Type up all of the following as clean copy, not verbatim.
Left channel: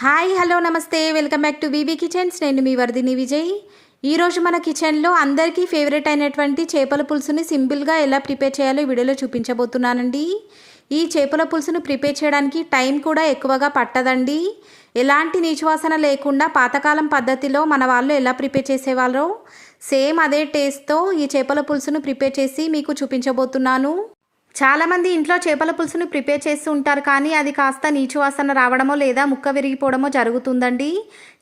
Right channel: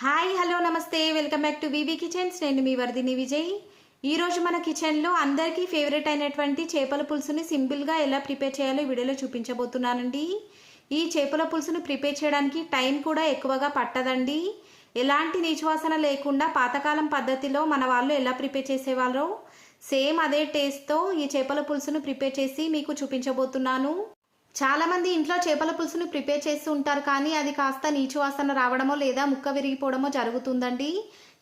Hi hello నమస్తే welcome back to BB Kitchens. నేను మీ వర్ధిని విజయ్. ఈరోజు మన కిచెన్లో అందరికీ ఫేవరెట్ అయినటువంటి చేపల పులుసుని సింపుల్గా ఎలా ప్రిపేర్ చేయాలో వీడియోలో చూపించబోతున్నానండి. ఈ చేపల పులుసును ప్రిపేర్ చేయడానికి టైం కూడా ఎక్కువగా పట్టదండి. ఎలాంటి నీచువాసన లేకుండా పాతకాలం పద్ధతిలో మన వాళ్ళు ఎలా ప్రిపేర్ చేసేవాళ్ళో సేమ్ అదే టేస్ట్తో ఈ చేపల పులుసును ప్రిపేర్ చేసి మీకు చూపించబోతున్నాను. చాలామంది ఇంట్లో చేపల పులుసును ప్రిపేర్ చేస్తూ ఉంటారు, కానీ అది కాస్త నీచు వాసన రావడమో లేదా ముక్క విరిగిపోవడమో జరుగుతుందండి.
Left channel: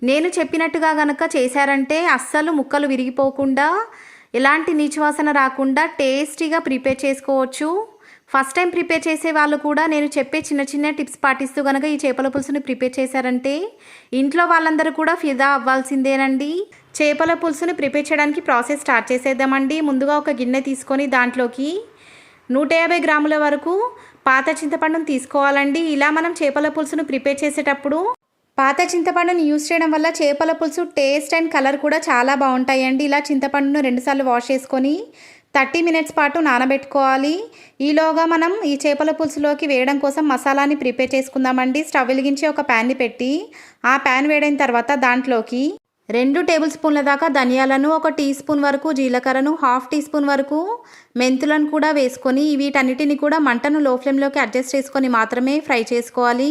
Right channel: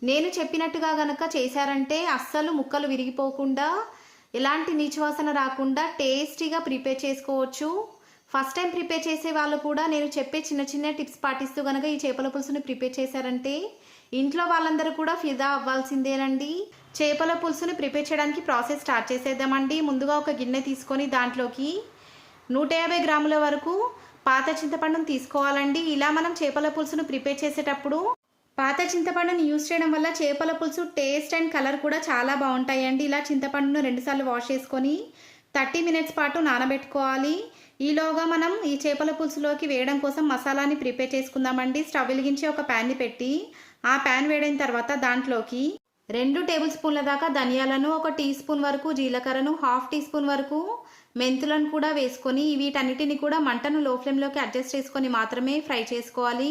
నేను చెప్పినట్టుగా గనక చేశారంటే అస్సలు ముక్కలు విరిగిపోకుండా ఎలాంటి నీచు వాసన రాకుండా టేస్టీగా ప్రిపేర్ చేసుకోవచ్చు. ఫస్ట్ టైం ప్రిపేర్ చేసే వాళ్ళు కూడా నేను చెప్పే చిన్న చిన్న టిప్స్ పాటిస్తూ కనుక ఈ చేపల పులుసుని ప్రిపేర్ చేశారంటే ఇంట్లో వాళ్ళందరూ కూడా ఫిదా అవ్వాల్సిందేనండి. చేపల పులుసుని ప్రిపేర్ చేయడానికి ప్రాసెస్ స్టార్ట్ చేసేద్దామండి. ముందుగా ఒక గిన్నె తీసుకొని దాంట్లోకి 150 గ్రాముల వరకు పాత చింతపండును తీసుకోవాలండి. ఇలా మనం చేపల పులుసును ప్రిపేర్ చేసేటప్పుడు పాత చింతపండుని యూజ్ చేయడం వల్ల చేపల పులుసు టేస్ట్ అండ్ కలర్ కూడా చాలా బాగుంటాయండి. ఇలా చింతపండును 2 సార్లు వాష్ చేసుకొని 30 మినిట్స్ పాటు నానబెట్టుకోవాలి. ఈలోగా మనం ఈ చేపల పులుసులోకి వేయడం కోసం మసాలాని ప్రిపేర్ చేసుకుందామండి. స్టవ్ వెలిగించి ఒక ప్యాన్ని పెట్టి ఆ ప్యాన్ వేడైన తర్వాత దాంట్లోకి 2 టేబుల్ స్పూన్ల దాకా ధనియాలను, 1 టీ స్పూన్ వరకు జీలకర్రను, 1/2 టీ స్పూన్ వరకు మెంతులను కూడా వేసుకొని వీటన్నిటిని కూడా మంటను లో ఫ్లేమ్లోకి అడ్జస్ట్ చేసుకొని మాత్రమే ఫ్రై చేసుకోవాలి.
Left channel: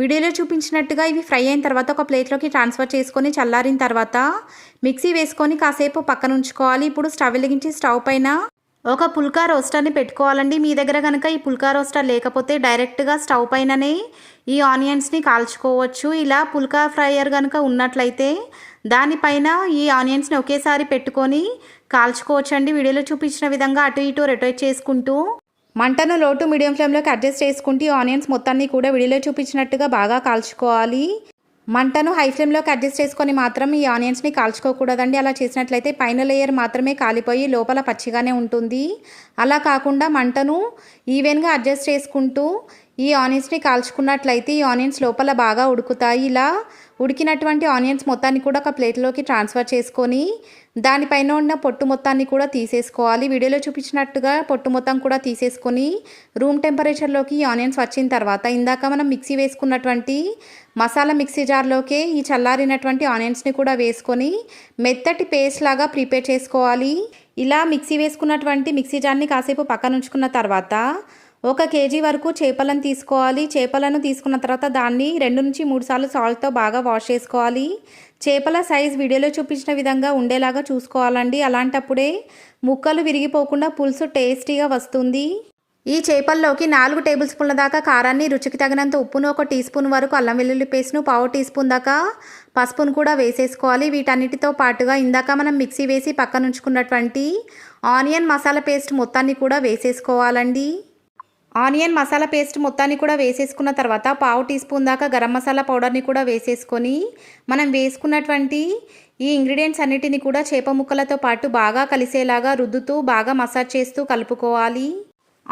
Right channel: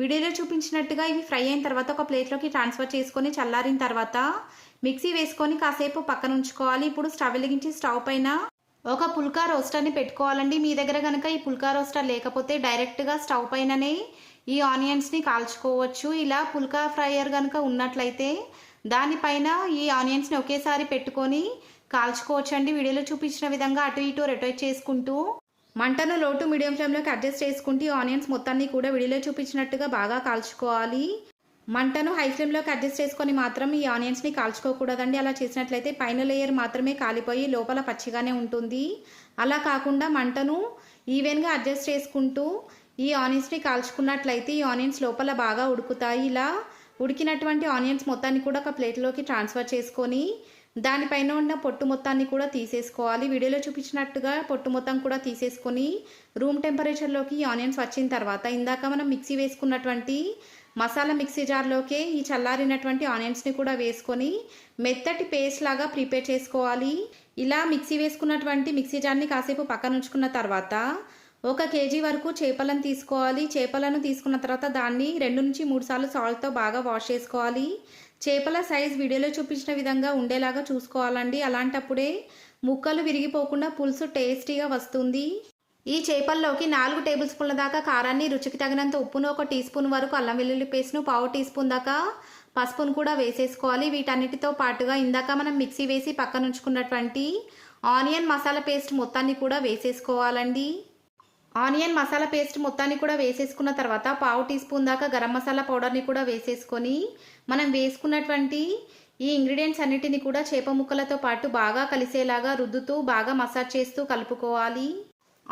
వీడియోలో చూపించినట్టుగా ఇవి ఫ్రై అయిన తర్వాత ఒక ప్లేట్లోకి ట్రాన్స్ఫర్ చేసుకొని చల్లారిన తర్వాత మిక్సీ వేసుకొని కాసేపు పక్కన ఉంచుకోవాలి. ఇప్పుడు స్టవ్ వెలిగించి స్టవ్ పైన ఒక పుల్కా రోస్టర్ని పెట్టుకోవాలండి. మీ దగ్గర కనుక ఈ పుల్కా రోస్టర్ లేకపోతే డైరెక్ట్గా స్టవ్ పైననే ఈ ఆనియన్స్ని కాల్చుకోవచ్చు. ఇలా పుల్కా ఫ్రైయర్ కనుక ఉన్నట్లయితే దానిపైన ఈ ఆనియన్స్ని ఒకేసారి పెట్టుకొని కాల్చుకోవచ్చండి. వీడియోలో చూపించిన విధంగా అటు ఇటు రొటేట్ చేసుకుంటూ మంటను లో టు మీడియం ఫ్లేమ్లోకి అడ్జస్ట్ చేసుకుంటూ ఆనియన్స్ మొత్తాన్ని కూడా వీడియోలో చూపించినట్టుగా బాగా కాల్చుకోవాలి. మంటను హై ఫ్లేమ్లోకి అడ్జస్ట్ చేసుకొని మాత్రం ఈ ఆనియన్స్ని కాల్చుకోకూడదండి. అలా చేసినట్లయితే పైన లేయర్ మాత్రమే కాలిపోయి లోపల పచ్చిగానే ఉంటుంది. అలా కాకుండా మంటను ఈవెన్గా అడ్జస్ట్ చేసుకుంటూ ఈ ఆనియన్స్ని కాల్చుకున్నట్లయితే ఈ ఆనియన్స్ లోపల బాగా ఉడుకుతాయి. ఇలా ఉడికినటువంటి ఆనియన్స్ మొత్తాన్ని కూడా ఒక ప్లేట్లోకి ట్రాన్స్ఫర్ చేసుకొని దానిపైన ఉన్న పొట్టు మొత్తాన్ని కూడా తీసేసుకోవాలి. వీడియోలో చూపించినట్టుగా పొట్టు మొత్తం కూడా తీసేసుకొని రూమ్ టెంపరేచర్లోకి ఈ ఆనియన్స్ వచ్చిన తర్వాత ఇందాక మనం మిక్సీ వేసుకున్నటువంటి మసాలా మిక్సీ జార్లోకి ఈ చల్లారినటువంటి ఆనియన్స్ని కూడా వేసుకొని మెత్తటి పేస్ట్ లాగా ప్రిపేర్ చేసుకోవాలి. ఇలా మిక్సీ వేసుకున్నటువంటి మిక్సీ జార్ని కాసేపు పక్కన ఉంచుకున్న తర్వాత 1 కేజీ వరకు చేపలను తీసుకోవాలి. చేపలను తీసుకున్న తర్వాత దాన్ని 2 నుంచి 3 సార్లు సాల్ట్తో బాగా వాష్ చేసుకోవాలి. చేపల సైజ్ వీడియోలో చూపించిన విధంగా ఉండేలాగా చూసుకోవాలండి. అలాంటప్పుడే ముక్కలు విరిగిపోకుండా పులుసు టేస్టీగా వస్తుంది. ఈ చేపల్లోకి 4 టేబుల్ స్పూన్ల దాకా కారాన్ని, రుచికి తగినంత ఉప్పును, 1 టీ స్పూన్ వరకు అల్లం వెల్లుల్లి పేస్ట్ను, 1/2 టీ స్పూన్ దాకా పసుపును కూడా వేసేసుకోవాలి. వీటన్నిటితో పాటుగా ఇందాక మనం మిక్సీ వేసి పక్కన ఉంచుకున్నటువంటి ఆనియన్ మసాలా పేస్ట్ మొత్తాన్ని కూడా వేసేసుకోవాలండి. ఆనియన్ మసాలా పేస్ట్ మొత్తాన్ని కూడా వేసేసుకున్న తర్వాత 1/2 టీ స్పూన్ దాకా గరం మసాలా పౌడర్ని కూడా వేసేసుకొని మనం వేసుకున్నటువంటి ఈ ఇంగ్రీడియంట్స్ అన్నిటిని కూడా చేప ముక్కలతో పాటు బాగా కలిసేలాగా రుద్దుతూ బాగా మసాజ్ చేస్తూ కలుపుకోవాలి.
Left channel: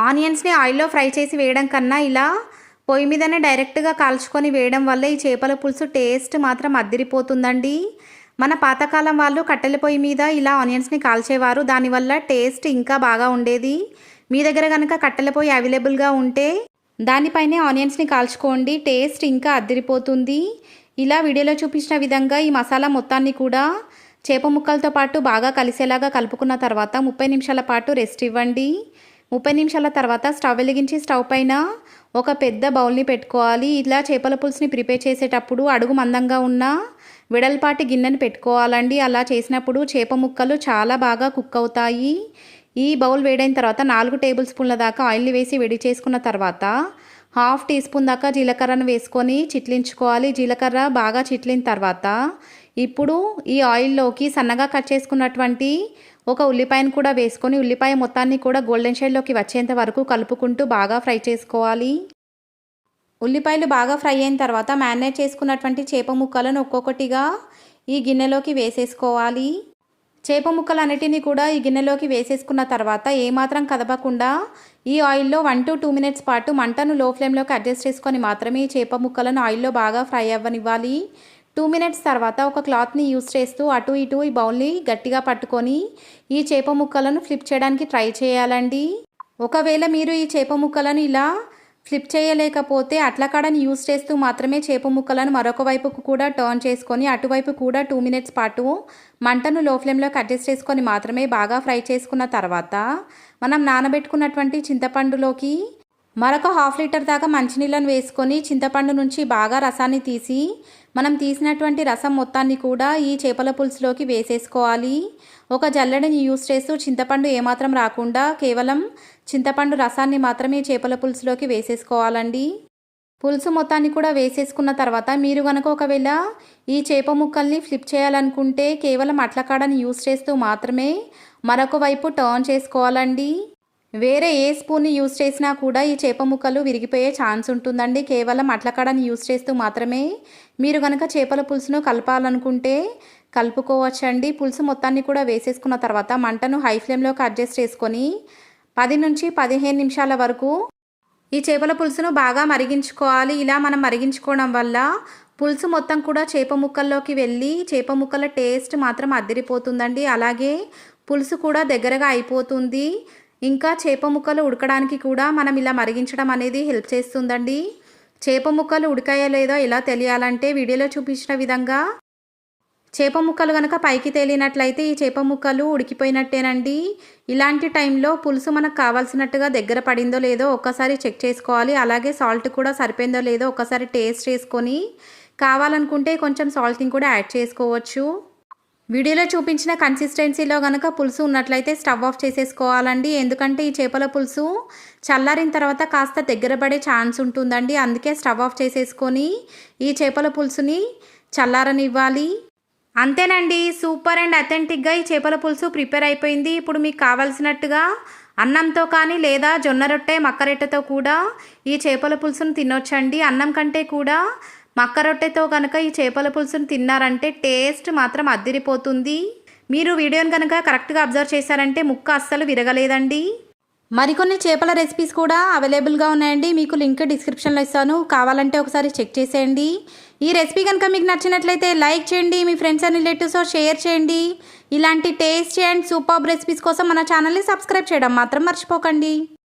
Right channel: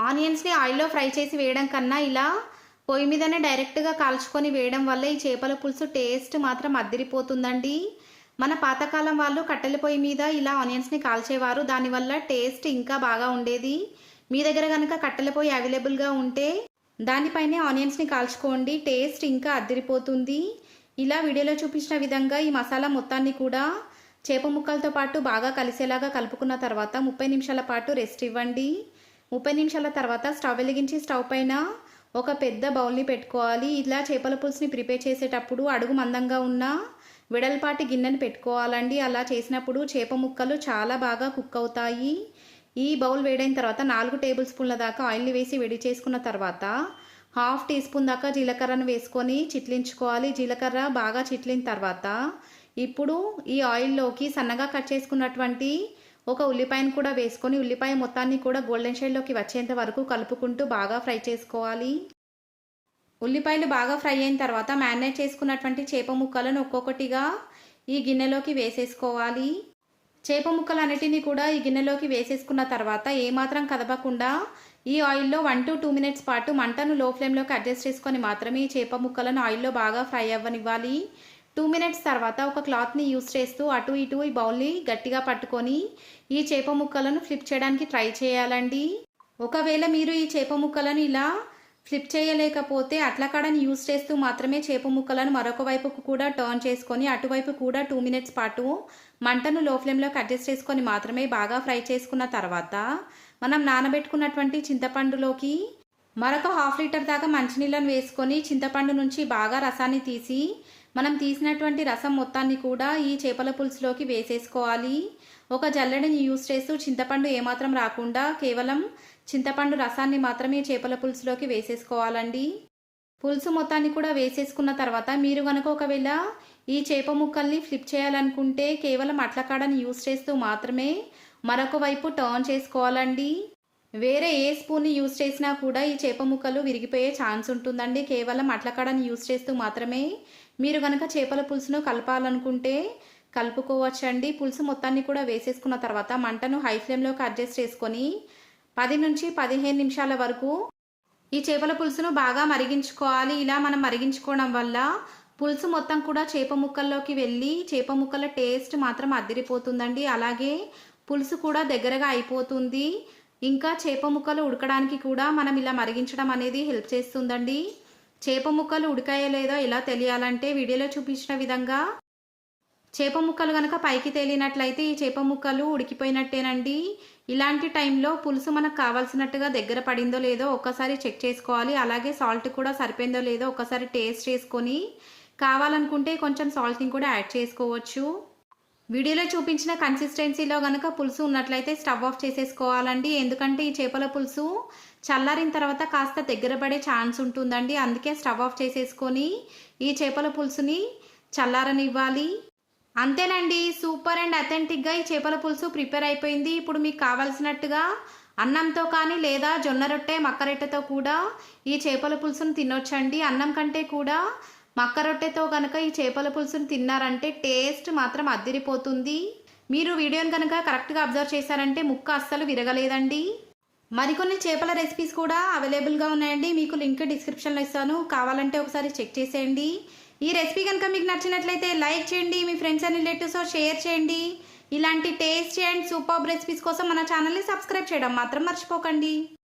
ఆనియన్స్ని ఆయిల్లో ఫ్రై చేసి వేయడం కన్నా ఇలా పొయ్యి మీదనే డైరెక్ట్గా కాల్చుకొని వేయడం వల్ల ఈ చేపల పులుసు టేస్ట్ మాత్రం అద్దిరిపోతుందండి. మన పాతకాలం వాళ్ళు కట్టెల పొయ్యి మీద ఇలా ఆనియన్స్ని కాల్చేవారు. దానివల్ల టేస్ట్ ఇంకా బాగా ఉండేది. మీ దగ్గర కనుక కట్టెల పొయ్యి అవైలబుల్గా ఉంటే దానిపైనే ఆనియన్స్ని కాల్చుకోండి, టేస్ట్ ఇంకా అద్దిరిపోతుంది. ఇలా వీడియోలో చూపించిన విధంగా ఈ మసాలా మొత్తాన్ని కూడా చేప ముక్కలతో పాటు బాగా కలిసేలాగా కలుపుకున్న తర్వాత 30 నిమిషాల పాటు రెస్ట్ ఇవ్వండి. 30 నిమిషాల తర్వాత స్టవ్ వెలిగించి స్టవ్ పైన ఒక పెద్ద బౌల్ని పెట్టుకోవాలి. ఇలా చేపల పులుసుని ప్రిపేర్ చేసేటప్పుడు అడుగు మందంగా ఉన్న వెడల్పాటి గిన్నెను పెట్టుకోవాలండి. అలా చేసినప్పుడు చేప ముక్కలు చాలా బాగా కుక్ అవుతాయి. ఈ బౌల్ వేడైన తర్వాత 4 టేబుల్ స్పూన్ల దాకా ఆయిల్ని వేసి వేడి చేసుకున్న తర్వాత 1/2 టీ స్పూన్ దాకా జీలకర్రను వేసుకొని చిట్లించుకోవాలి. జీలకర్ర బాగా చిట్లిన తర్వాత ఇప్పుడు ఈ ఆయిల్లోకి సన్నగా కట్ చేసుకున్నటువంటి 1 ఉల్లిపాయను కూడా వేసుకొని ఉల్లిపాయ మొత్తాన్ని కూడా గోల్డెన్ షేడ్లోకి వచ్చేంత వరకు కలుపుకుంటూ బాగా ఫ్రై చేసుకోవాలి. ఉల్లిపాయలు బాగా ఫ్రై అయిన తర్వాత మ్యారినేట్ చేసుకున్నటువంటి చేప ముక్కలను ఒక్కొక్కటిగా ఈ గిన్నెలోకి వేసేసుకోవాలి. చేప ముక్కలన్నిటినీ కూడా ఈ గిన్నెలోకి వేసేసుకున్న తర్వాత ఏమాత్రం కదపకుండా ఈ ఆయిల్లో 1 to 2 మినిట్స్ పాటు మంటను లో ఫ్లేమ్లోకి అడ్జస్ట్ చేసుకొని మాత్రమే ఈ చేప ముక్కలను ఆయిల్లో బాగా ఫ్రై అవ్వనివ్వాలి. 2 మినిట్స్ తర్వాత ఒక క్లాత్ని యూస్ చేస్తూ అటు ఇటు ఈ బౌల్ని గట్టిగా పట్టుకొని ఈ చేప ముక్కలను ఫ్లిప్ చేయడానికి ట్రై చేయాలండి. ఒకవేళ మీరు ఈ చేప ముక్కలను ఇలా ఫ్లిప్ చేయలేకపోతే అట్లకాడని యూస్ చేస్తూ మాత్రమే చేప ముక్కలను మరొక వైపుకు కూడా టర్న్ చేసుకొని అటువైపు కూడా 2 మినిట్స్ పాటు మంటను లో ఫ్లేమ్లోకి అడ్జస్ట్ చేసుకొని మాత్రమే బాగా ఫ్రై చేసుకున్న తర్వాత మనం నానబెట్టుకున్నటువంటి చింతపండులోకి మరొక 1/2 లీటర్ దాకా మంచినీళ్ళను వేసుకొని చింతపండు నుంచి బాగా రసాన్ని తీసి మనం తీసినటువంటి రసం మొత్తాన్ని కూడా ఈ చేపల పులుసులోకి వేసేసుకోవాలి. ఒక జల్లెడని యూస్ చేస్తూ చింతపండు ఏమాత్రం రాకుండా కేవలం చింతపండు రసాన్ని మాత్రమే చేపల పులుసులోకి వేసేసుకోవాలండి. పులుసు మొత్తాన్ని కూడా వేసేసుకున్న తర్వాత మీరు కనుక ఒకవేళ ఈ చేప ముక్కల్ని ఫ్లిప్ చేయాలనుకుంటే కేవలం అట్లకాడని యూస్ చేస్తూ మాత్రమే మరొక వైపు టర్న్ చేసుకోవాలండి. వేరే ఏ స్పూన్ని యూస్ చేసినా కూడా ఈ చేప ముక్కలు విరిగిపోయే ఛాన్స్ ఉంటుందండి. కేవలం అట్లకాడని యూస్ చేస్తూ మాత్రమే మీరు కనుక చేపల పులుసును కలపాలనుకుంటే కలుపుకోవచ్చండి. పులుసు మొత్తాన్ని కూడా వేసేసుకున్న తర్వాత మంటను హై ఫ్లేమ్లోకి అడ్జస్ట్ చేసుకొని 10 నుంచి 15 నిమిషాల వరకు ఈ చేపల పులుసును బాగా మరిగించుకోవాలి. ఇలా మనం మరిగించుకోవడం వల్ల పులుసు మొత్తం కూడా చేప ముక్కల్లోకి వెళ్ళి చేప ముక్కల టేస్ట్ మాత్రం అదిరిపోతుందండి. అలాగే పులుసు కూడా దగ్గరగా అయిపోతుంది. ఇంకా చేప ముక్కలు ఉడకడానికి కూడా మనం ఇలా మరిగించడం అనేది హెల్ప్ చేస్తుందండి. చేప ముక్కలు ఉడికాయో లేదో ఎలా తెలియాలంటే వీడియోలో చూపించిన విధంగా చేప ముక్కలు కనుక పైకి తేలినట్లయితే ఈ చేప ముక్కలు ఉడికిపోయినట్టేనండి. ఇలాంటి టైంలో పులుసు మనకు కావాల్సినట్టుగా దగ్గర పడిందో లేదో ఒక్కసారి చెక్ చేసుకోవాలి. అలాగే సాల్ట్ కూడా సరిపోయిందో లేదో ఒక్కసారి టేస్ట్ చేసుకొని కావాలనుకుంటే కొంచెం సాల్ట్ని కూడా యాడ్ చేసుకోవచ్చు. వీడియోలో చూపించిన కన్సిస్టెన్సీలో కనుక పులుసు ఉన్నట్లయితే స్టవ్ ఆఫ్ చేసేసుకోవాలండి. ఎందుకంటే ఈ చేపల పులుసు చల్లారిన తర్వాత కాస్త దగ్గర పడే ఛాన్స్ ఉంటుందండి. అందుకే స్టవ్ ఆఫ్ చేసేసుకొని ఈ చేపల పులుసుని చల్లారనివ్వాలి. అంతేనండి, సూపర్ అండ్ అథెంటిక్గా ఈ చేపల పులుసు ప్రిపేర్ అయిపోయింది. ఇప్పుడు మీకు కావాల్సినట్టుగా అన్నంతో కానీ లేదా జొన్న రొట్టె మక్క రొట్టెతో కూడా ఈ చేపల పులుసును తినొచ్చండి. అన్నం కంటే కూడా మక్క రొట్టెతో కనుక ఈ చేపల పులుసును తిన్నారంటే టేస్ట్ మాత్రం అద్దిరిపోతుంది. మీరు వీడియోని కనుక కరెక్ట్గా అబ్జర్వ్ చేశారంటే ముక్క అస్సలు విరగలేదండి. మరికొన్ని చేపల రెసిపీస్ కూడా అవైలబుల్గా ఉన్నాయండి. మీకు లింక్ డిస్క్రిప్షన్లో ఇస్తాను, కావాలంటే ఒకసారి చెక్ చేసేయండి. ఈ రెసిపీ కనుక మీకు నచ్చినట్లయితే లైక్ చేయండి, మీ ఫ్రెండ్స్ అండ్ రిలేటివ్స్తో షేర్ చేయండి. ఇలాంటి టేస్టీ అండ్ సూపర్ రెసిపీస్ కోసం మన ఛానల్ని సబ్స్క్రైబ్ చేయడం మాత్రం మర్చిపోకండి.